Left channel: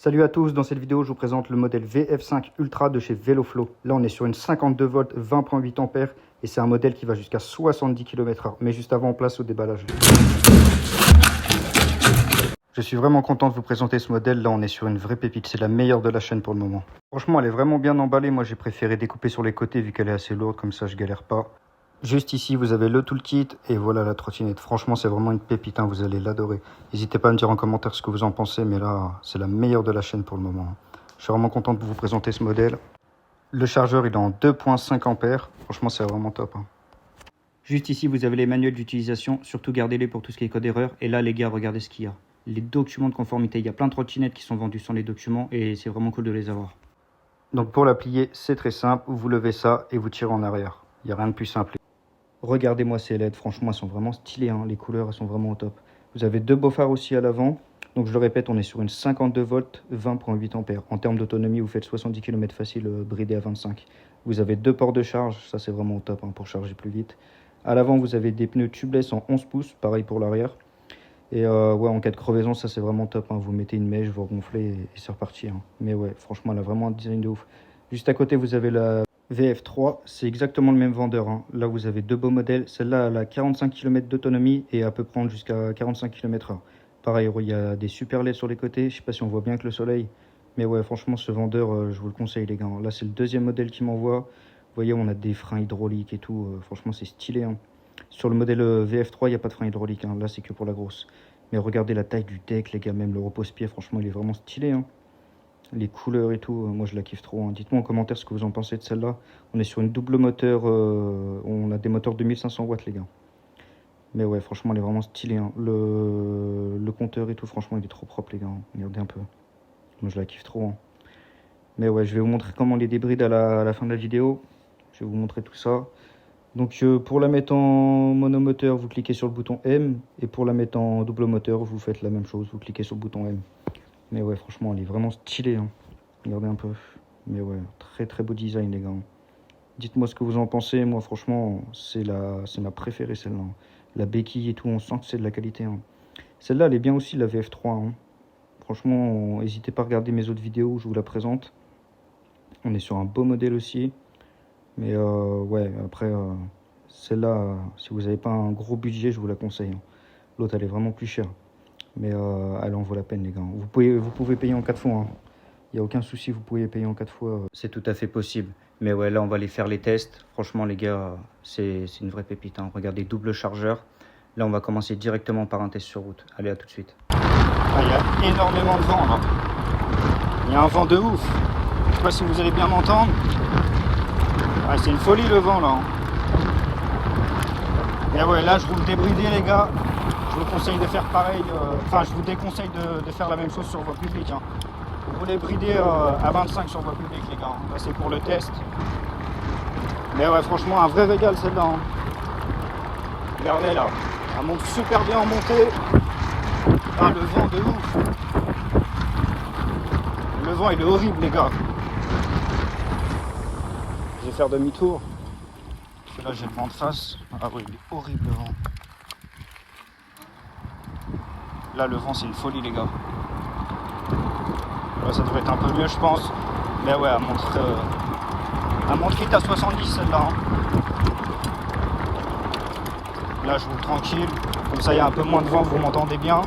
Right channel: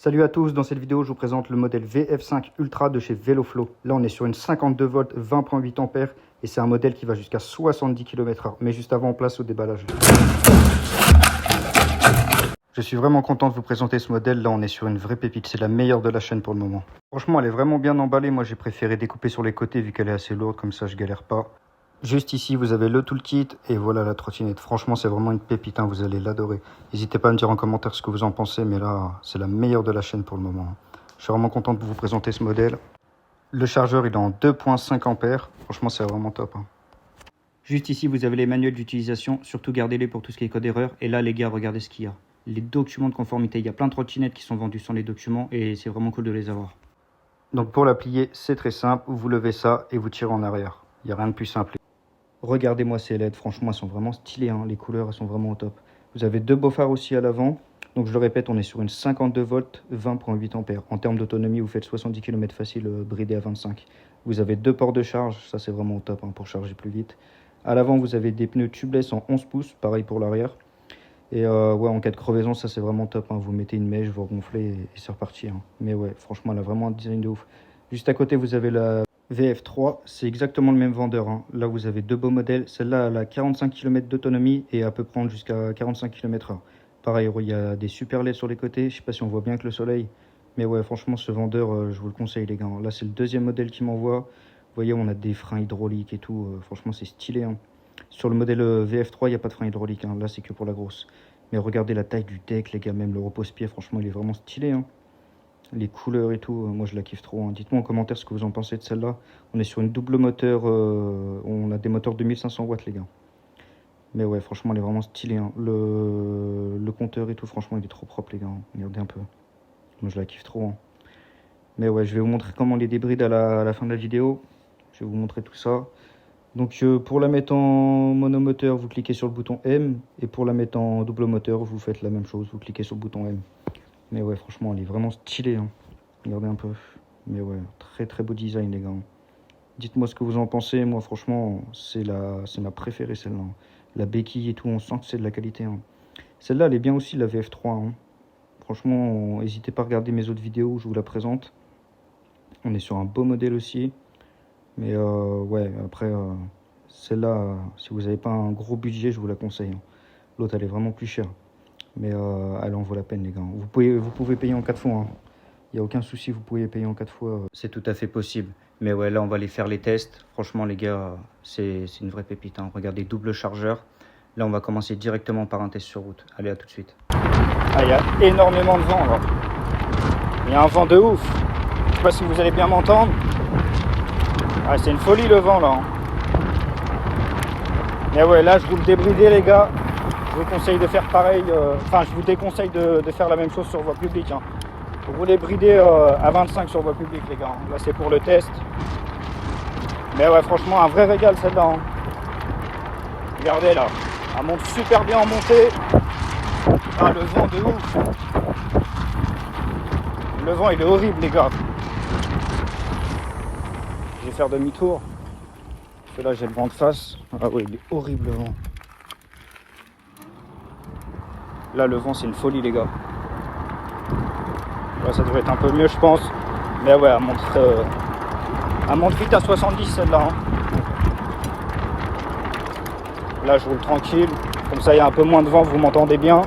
Salut à tous, dans cette vidéo je vous présente le modèle VF5 Ultra de chez VeloFlow. Là on est sur une 52 volts 20.8 ampères et c'est un modèle qui va jusqu'à 70 km/h. Mais juste avant, place au déballage. Je suis vraiment content de vous présenter ce modèle. Là on est sur une vraie pépite, c'est la meilleure de la chaîne pour le moment. Franchement elle est vraiment bien emballée, moi j'ai préféré découper sur les côtés vu qu'elle est assez lourde, comme ça je galère pas. Juste ici, vous avez le toolkit et voilà la trottinette. Franchement, c'est vraiment une pépite, hein, vous allez l'adorer. N'hésitez pas à me dire en commentaire ce que vous en pensez, mais là, c'est la meilleure de la chaîne pour le moment. Je suis vraiment content de vous présenter ce modèle. Le chargeur, il est en 2.5 ampères. Franchement, c'est vraiment top. Hein. Juste ici, vous avez les manuels d'utilisation. Surtout, gardez-les pour tout ce qui est code erreur. Et là, les gars, regardez ce qu'il y a. Les documents de conformité. Il y a plein de trottinettes qui sont vendues sans les documents et c'est vraiment cool de les avoir. Donc, pour la plier, c'est très simple. Vous levez ça et vous tirez en arrière. Il n'y a rien de plus simple. Regardez-moi ces LED, franchement elles sont vraiment stylées, hein. Les couleurs elles sont vraiment au top. Vous avez deux beaux phares aussi à l'avant. Donc je le répète, on est sur une 52 volts 20.8 ampères. En termes d'autonomie, vous faites 70 km facile bridé à 25. Vous avez deux ports de charge, ça c'est vraiment au top, hein, pour charger plus vite. À l'avant vous avez des pneus tubeless en 11 pouces, pareil pour l'arrière. Et ouais, en cas de crevaison ça c'est vraiment top, hein. Vous mettez une mèche, vous gonflez et c'est reparti, hein. Mais ouais, franchement elle a vraiment un design de ouf. Juste à côté vous avez la VF3, c'est exactement le même vendeur, hein. Là vous avez deux beaux modèles, celle-là elle a 45 km d'autonomie et elle peut prendre jusqu'à 45 km/h. Pareil, il y a des super LED sur les côtés, je sais pas si on voit bien avec le soleil, mais ouais franchement ce vendeur je vous le conseille les gars. Là c'est le deuxième modèle qui m'envoie, vous voyez on a des freins hydrauliques et tout, franchement c'est stylé, hein. Sur le modèle VF3 il n'y a pas de frein hydraulique, hein. Là c'est que pour la grosse. Mais regardez la taille du deck les gars, même le repose-pied franchement il est vraiment stylé, hein. Les couleurs et tout, moi je la kiffe trop, hein. Dites-moi en commentaire ce que vous en pensez de celle-là. On est sur une double moteur, on a des moteurs de 1500 watts les gars. Mais ouais, franchement elle est vraiment stylée, hein. Le compteur et tout, franchement il est trop propre les gars, hein. Regardez un peu. Moi je la kiffe trop, hein. Mais ouais, je vais vous montrer comment les débride à la fin de la vidéo. Je vais vous montrer tout ça. Donc pour la mettre en monomoteur, vous cliquez sur le bouton M. Et pour la mettre en double moteur, vous faites la même chose, vous cliquez sur le bouton M. Mais ouais, franchement, elle est vraiment stylée, hein. Regardez un peu. Mais ouais, très très beau design, les gars. Dites-moi ce que vous en pensez. Moi, franchement, c'est ma préférée, celle-là. La béquille et tout, on sent que c'est de la qualité, hein. Celle-là, elle est bien aussi, la VF3, hein. Franchement, n'hésitez pas à regarder mes autres vidéos où je vous la présente. On est sur un beau modèle aussi. Mais ouais, après, celle-là, si vous n'avez pas un gros budget, je vous la conseille, hein. L'autre, elle est vraiment plus chère. Mais elle en vaut la peine les gars. Vous pouvez payer en 4 fois, hein. Il n'y a aucun souci, vous pouvez payer en 4 fois. C'est tout à fait possible. Mais ouais, là on va aller faire les tests. Franchement les gars, c'est une vraie pépite, hein. Regardez, double chargeur. Là on va commencer directement par un test sur route. Allez, à tout de suite. Ah, il y a énormément de vent là. Il y a un vent de ouf. Je sais pas si vous allez bien m'entendre. Ah, c'est une folie le vent là, hein. Mais ouais, là je vous le débridais les gars. Je vous conseille de faire pareil, enfin je vous déconseille de faire la même chose sur voie publique, hein. Vous les bridez à 25 sur voie publique les gars, là c'est pour le test. Mais ouais franchement un vrai régal celle-là, hein. Regardez là, elle monte super bien en montée. Ah le vent de ouf. Le vent il est horrible les gars. Je vais faire demi-tour. Parce que là j'ai le vent de face. Ah ouais il est horrible le vent. Là le vent c'est une folie les gars. Là, ça devrait être un peu mieux je pense. Mais ouais elle monte vite à 70 celle-là, hein. Là je roule tranquille. Comme ça il y a un peu moins de vent, vous m'entendez bien.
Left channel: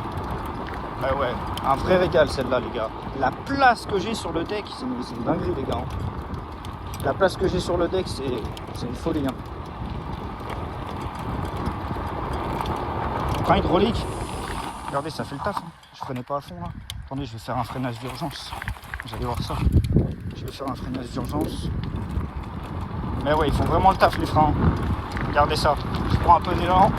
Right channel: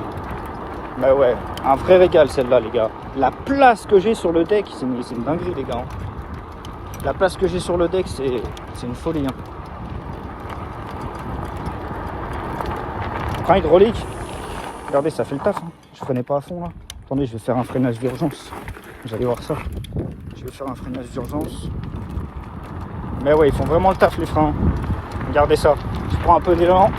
Mais ouais, un vrai régal celle-là les gars. La place que j'ai sur le deck, c'est une dinguerie les gars. La place que j'ai sur le deck c'est une folie, hein. Frein hydraulique. Regardez, ça fait le taf, hein. Je freinais pas à fond là. Attendez, je vais faire un freinage d'urgence. Vous allez voir ça. Je vais faire un freinage d'urgence. Mais ouais, ils font vraiment le taf les freins. Regardez ça. Je prends un peu d'élan.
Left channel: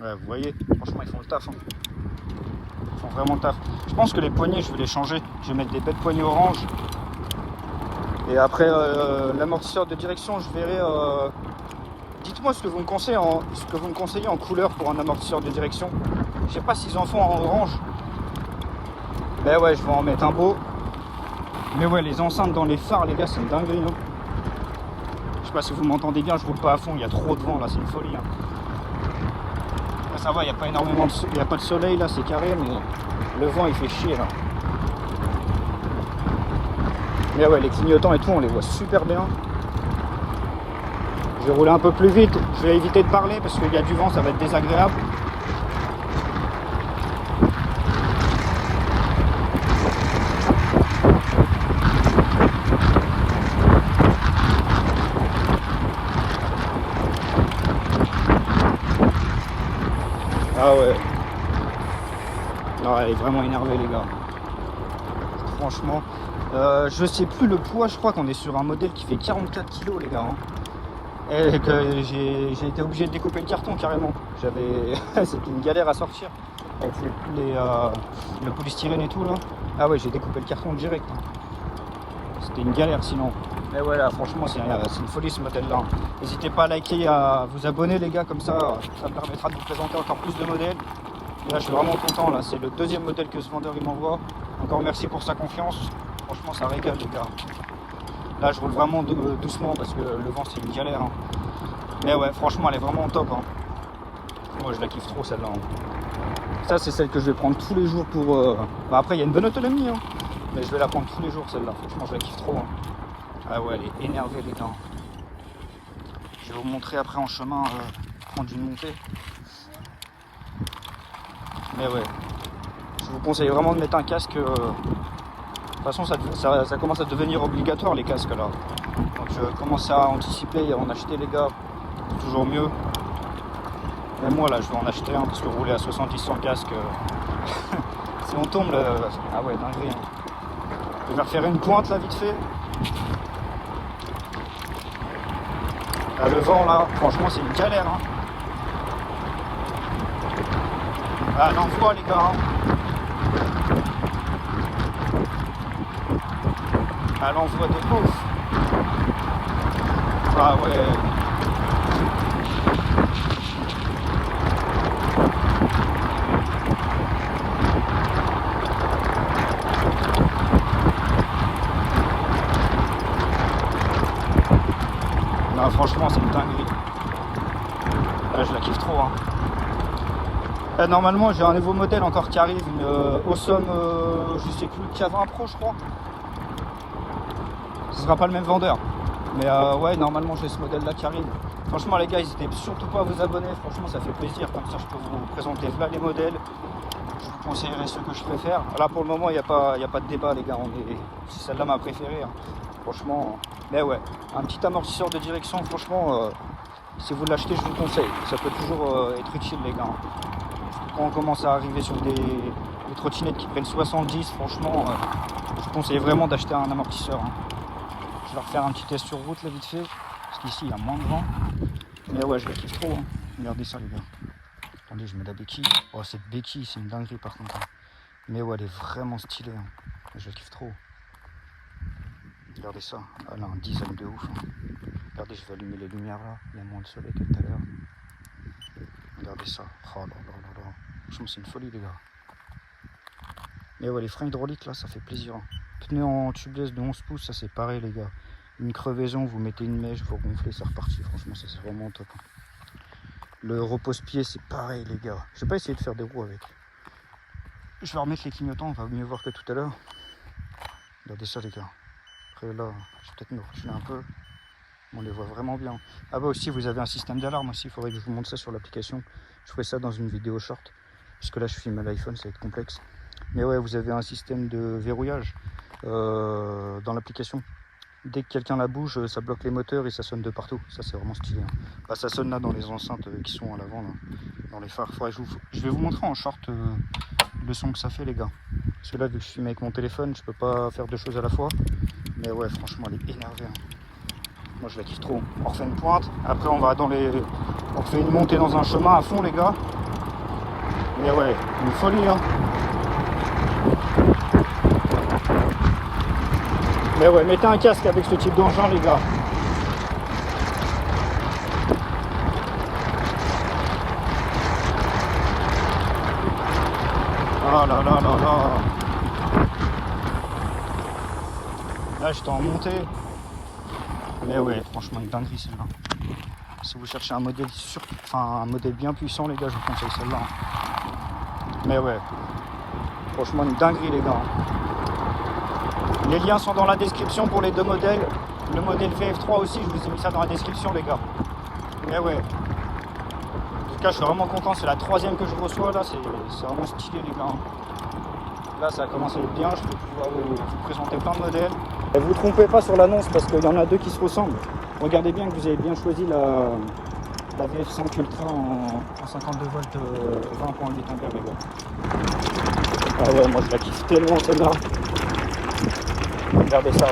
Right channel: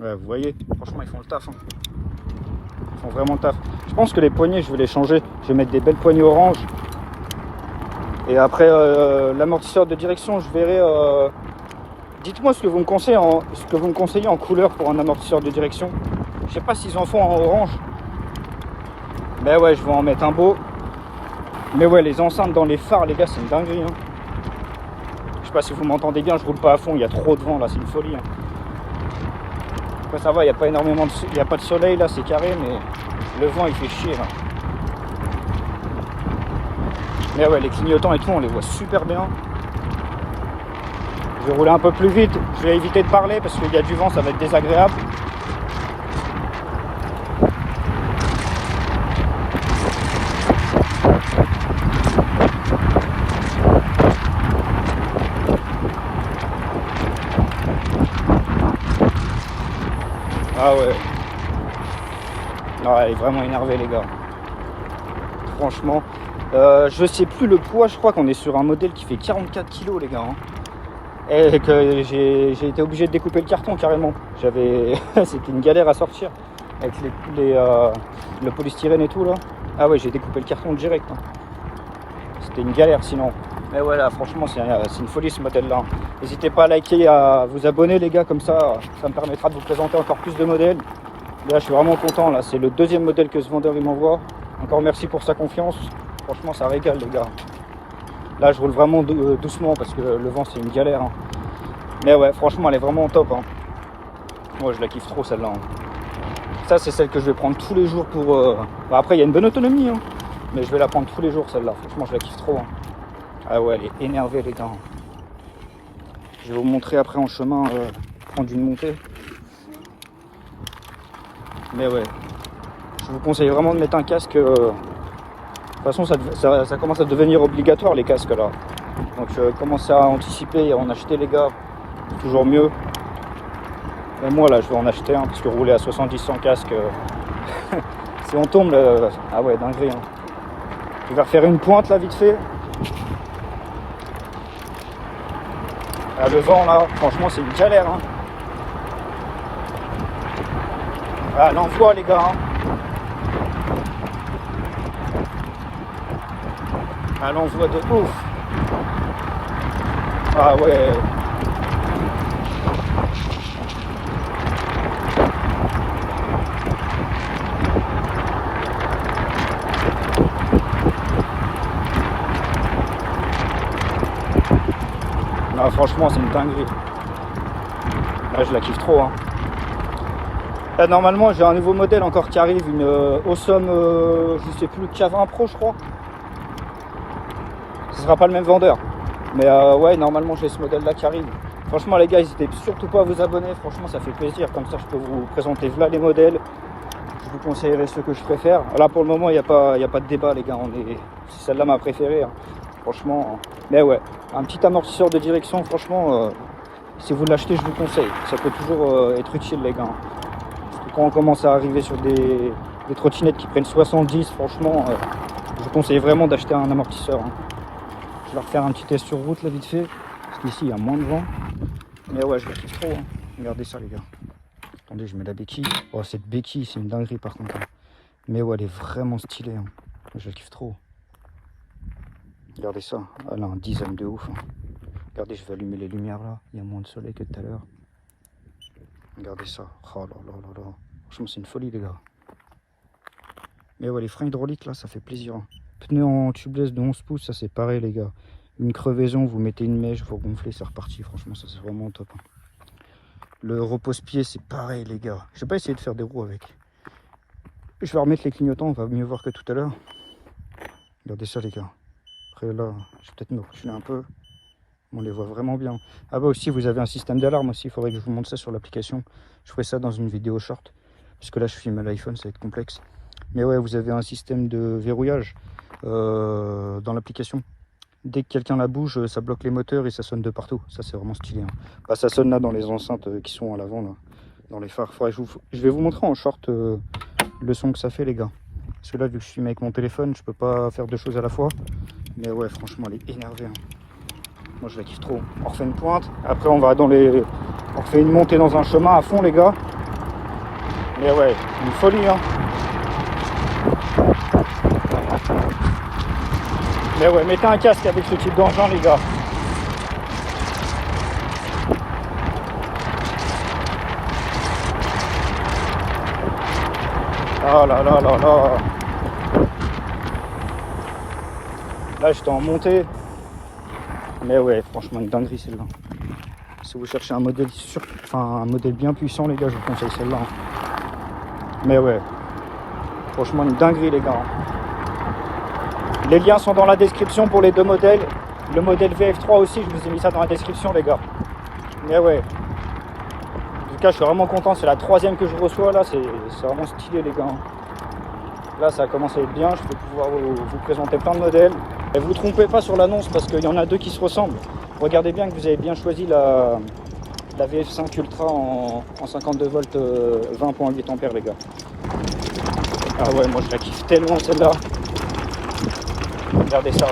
Ouais, vous voyez, franchement, ils font le taf, hein. Ils font vraiment le taf. Je pense que les poignées, je vais les changer. Je vais mettre des belles poignées orange. Et après, l'amortisseur de direction, je verrai. Dites-moi ce que vous me conseillez en couleur pour un amortisseur de direction. Je sais pas s'ils en font en orange. Mais ouais, je vais en mettre un beau. Mais ouais, les enceintes dans les phares, les gars, c'est une dinguerie, hein. Je sais pas si vous m'entendez bien, je roule pas à fond, il y a trop de vent là, c'est une folie, hein. Après ça va, il n'y a pas énormément de... Il n'y a pas de soleil là, c'est carré, mais le vent il fait chier là. Mais ouais, les clignotants et tout, on les voit super bien. Je vais rouler un peu plus vite, je vais éviter de parler parce qu'il y a du vent, ça va être désagréable. Ah ouais. Non, elle est vraiment énervée les gars. Franchement. Je sais plus le poids, je crois qu'on est sur un modèle qui fait 44 kg les gars. Hein. Et que j'ai été obligé de découper le carton carrément. C'était une galère à sortir. Avec le polystyrène et tout là. Ah ouais, j'ai découpé le carton direct. Hein. C'était une galère sinon. Mais voilà, franchement, c'est une folie ce modèle là. N'hésitez pas à liker, à vous abonner les gars, comme ça me permettra de vous présenter encore plus de modèles. Et là, je suis vraiment content. Là, c'est le deuxième modèle que ce vendeur il m'envoie. Encore merci pour sa confiance. Franchement, ça régale les gars. Là, je roule vraiment doucement parce que le vent, c'est une galère. Hein. Mais ouais, franchement, elle est vraiment top. Hein. Moi, je la kiffe trop celle-là. Hein. Ça, c'est celle que je vais prendre tous les jours pour... Bah, après, il y a une bonne autonomie. Hein. Mais je vais la prendre tous les jours celle-là. Franchement, je la kiffe trop. Hein. Ah ouais, elle est énervée les gars. Je vais vous montrer après en chemin prendre une montée. Mais ouais, je vous conseille vraiment de mettre un casque. De toute façon, ça commence à devenir obligatoire les casques là. Donc commencez à anticiper et à en acheter les gars. C'est toujours mieux. Mais moi là, je vais en acheter un parce que rouler à 70 sans casque, si on tombe, ah ouais, dinguerie. Hein. Je vais refaire une pointe là vite fait. Ah, le vent là, franchement, c'est une galère. Hein. Ah, l'envoi les gars. Hein. Ah, l'envoi de ouf. Ah ouais. Non, franchement, c'est une dinguerie. Là, je la kiffe trop. Hein. Là, normalement, j'ai un nouveau modèle encore qui arrive, une Awesome, je sais plus, K20 Pro, je crois. Ce sera pas le même vendeur. Mais ouais, normalement, j'ai ce modèle-là qui arrive. Franchement, les gars, n'hésitez surtout pas à vous abonner. Franchement, ça fait plaisir. Comme ça, je peux vous présenter là les modèles. Je vous conseillerai ceux que je préfère. Là, pour le moment, il n'y a pas de débat, les gars. C'est celle-là ma préférée. Hein. Franchement. Mais ouais, un petit amortisseur de direction, franchement, si vous l'achetez, je vous conseille. Ça peut toujours être utile, les gars. Quand on commence à arriver sur des trottinettes qui prennent 70, franchement, je vous conseille vraiment d'acheter un amortisseur. Hein. Je vais refaire un petit test sur route là vite fait, parce qu'ici il y a moins de vent. Mais ouais, je la kiffe trop. Hein. Regardez ça les gars. Attendez, je mets la béquille. Oh, cette béquille, c'est une dinguerie par contre. Hein. Mais ouais, elle est vraiment stylée. Hein. Je la kiffe trop. Regardez ça. Elle a un design de ouf. Hein. Regardez, je vais allumer les lumières là. Il y a moins de soleil que tout à l'heure. Regardez ça. Oh là là là là. Franchement, c'est une folie, les gars. Mais ouais, les freins hydrauliques, là, ça fait plaisir. Hein. Pneus en tubeless de 11 pouces, ça c'est pareil, les gars. Une crevaison, vous mettez une mèche, vous gonflez, c'est reparti. Franchement, ça c'est vraiment top. Hein. Le repose-pied, c'est pareil, les gars. Je vais pas essayer de faire des roues avec. Je vais remettre les clignotants, on va mieux voir que tout à l'heure. Regardez ça, les gars. Après, là, je vais peut-être me reculer un peu. On les voit vraiment bien. Ah bah aussi, vous avez un système d'alarme aussi. Il faudrait que je vous montre ça sur l'application. Je ferai ça dans une vidéo short. Parce que là, je filme à l'iPhone, ça va être complexe. Mais ouais, vous avez un système de verrouillage dans l'application. Dès que quelqu'un la bouge, ça bloque les moteurs et ça sonne de partout. Ça, c'est vraiment stylé. Hein. Bah, ça sonne là dans les enceintes qui sont à l'avant, dans les phares. Je vais vous montrer en short le son que ça fait, les gars. Parce que là, vu que je filme avec mon téléphone, je peux pas faire deux choses à la fois. Mais ouais, franchement, elle est énervée. Hein. Moi, je la kiffe trop. On refait une pointe. Après, on refait une montée dans un chemin à fond, les gars. Mais ouais, une folie, hein. Mais ouais, mettez un casque avec ce type d'engin, les gars. Ah là là là là. Là, j'étais en montée. Mais ouais, franchement, une dinguerie celle-là. Si vous cherchez un modèle un modèle bien puissant, les gars, je vous conseille celle-là. Mais ouais, franchement, une dinguerie, les gars. Les liens sont dans la description pour les deux modèles. Le modèle VF3 aussi, je vous ai mis ça dans la description, les gars. Mais ouais. En tout cas, je suis vraiment content. C'est la troisième que je reçois, là. C'est vraiment stylé, les gars. Là, ça a commencé à être bien. Je vais pouvoir vous présenter plein de modèles. Et vous ne trompez pas sur l'annonce parce qu'il y en a deux qui se ressemblent. Regardez bien que vous avez bien choisi la VF5 Ultra en 52 volts 20.8 ampères, les gars. Ah ouais, moi je la kiffe tellement celle-là. Regardez ça.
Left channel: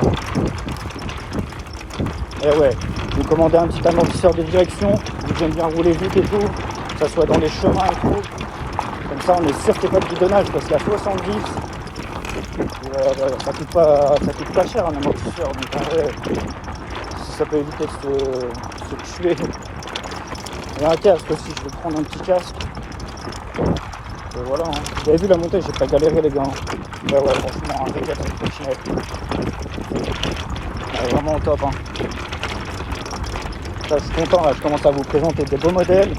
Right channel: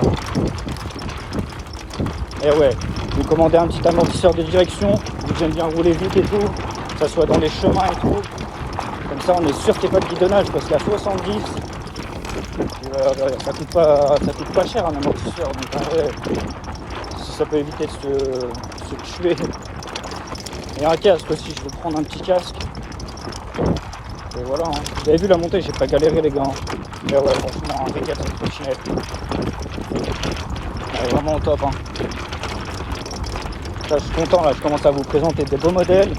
Et ouais, vous commandez un petit amortisseur de direction, vous aimez bien rouler vite et tout, que ça soit dans les chemins et tout. Comme ça, on est sûr qu'il n'y a pas de bidonnage parce qu'à 70, ça coûte pas cher un amortisseur. Donc en vrai, si ça peut éviter de se tuer. Et un casque aussi, je vais prendre un petit casque. Et voilà, hein. Vous avez vu la montée, j'ai pas galéré, les gars. Ouais, franchement, un régal cette trottinette. Elle est vraiment au top, hein. Là, je suis content, là, je commence à vous présenter des beaux modèles.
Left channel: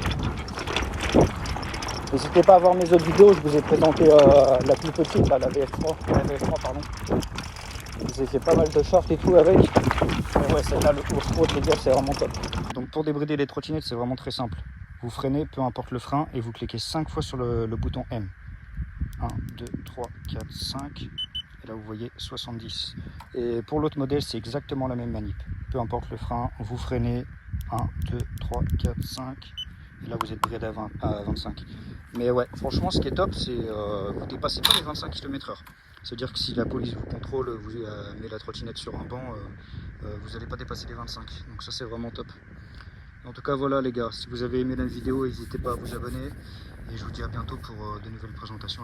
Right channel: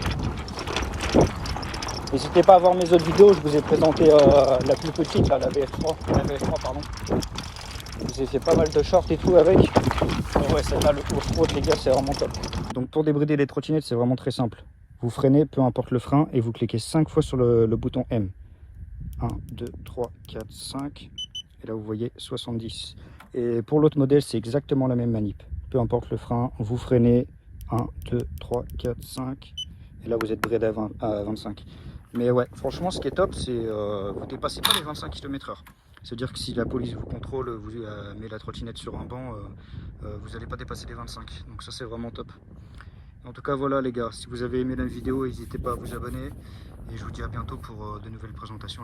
N'hésitez pas à voir mes autres vidéos, je vous ai présenté la plus petite, là, la VF3, pardon. Je vous ai fait pas mal de shorts et tout avec. Et ouais, celle-là, le off-road, les gars, c'est vraiment top. Donc pour débrider les trottinettes, c'est vraiment très simple. Vous freinez, peu importe le frein, et vous cliquez 5 fois sur le bouton M. 1, 2, 3, 4, 5. Et là, vous voyez 70. Et pour l'autre modèle, c'est exactement la même manip. Peu importe le frein, vous freinez. 1, 2, 3, 4, 5. Et là, vous êtes bridé à 25. Mais ouais, franchement, ce qui est top, c'est vous dépassez pas les 25 km/h. C'est-à-dire que si la police vous contrôle, vous met la trottinette sur un banc, vous n'allez pas dépasser les 25. Donc ça, c'est vraiment top. En tout cas, voilà les gars, si vous avez aimé la vidéo, n'hésitez pas à vous abonner. Et je vous dis à bientôt pour de nouvelles présentations.